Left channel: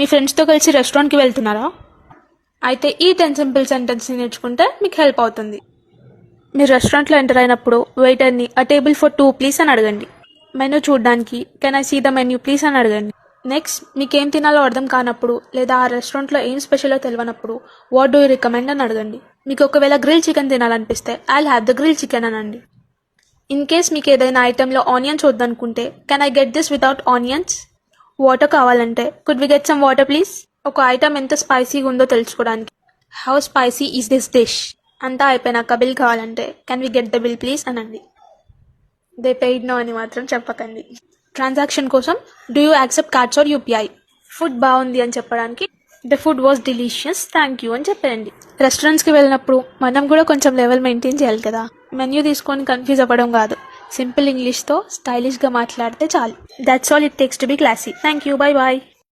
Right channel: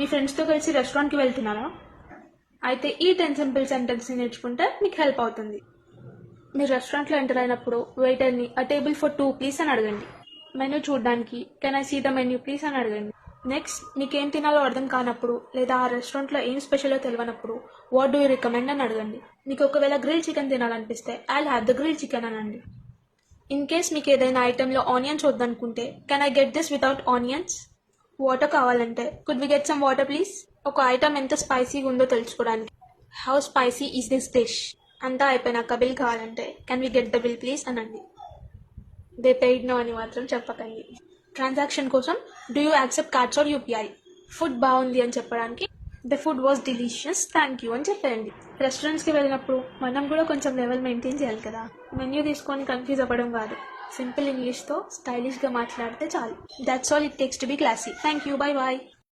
మీ ఫ్రెండ్స్తో కలిసి రెస్టారెంట్కి వెళ్తున్నారా? అయితే ఈ 10 సింపుల్ సెంటెన్స్ని నేర్చుకుంటే మీకు హెల్ప్ అవుతుంది. మీరు రెస్టారెంట్లో ఎంటర్ అయినప్పుడు వెయిటర్ని "అ టేబుల్ ఫర్ 2 ప్లీజ్" అని అడగండి. మెనూ చూడడానికి "can I see the menu please" అని అడగండి. నెక్స్ట్ మీకేం తినాలో అర్థం కానప్పుడు లేదా ఆ రెస్టారెంట్లో ఏం స్పెషలో తెలియనప్పుడు "వాట్ డూ యూ రికమెండ్" అని అడగండి. మీకు ఒకవేళ గ్రిల్ చికెన్ తినాలనిపిస్తే "I'll have the grill chicken" అనండి. ఇన్ కేస్ మీకు ఏదైనా ఐటెంలో ఆనియన్స్ వద్దనుకుంటే "can I get this without onions?" Water కావాలంటే "could we get some water please?" ఒక ఐటమ్ ఎంత స్పైసీగా ఉందో తెలుసుకోవడానికి "how spicy is this dish?" అంతా అయిపోయినాక బిల్ కావాలంటే "can we get the bill please" అనండి. దే పెయిడ్ నో అని మాత్రం చెప్పకండి. ట్రాన్సాక్షన్ కోసం "do you accept cards or UPI?" Food బాగుంది అని చెప్పడానికి "the food was delicious, thank you" అని చెప్పండి. రెస్టారెంట్స్కి వెళ్ళినప్పుడు మనం కూడా కొంచెం లెవెల్ మెయింటైన్ చేయాలి కదా. మెన్యూ తీసుకొని కన్ఫ్యూజ్ అవ్వడం కాదు, సింపుల్ ఇంగ్లీష్తో స్టైలిష్గా మాట్లాడితే చాలు. That's all it takes to be classy. Thank you, bye bye.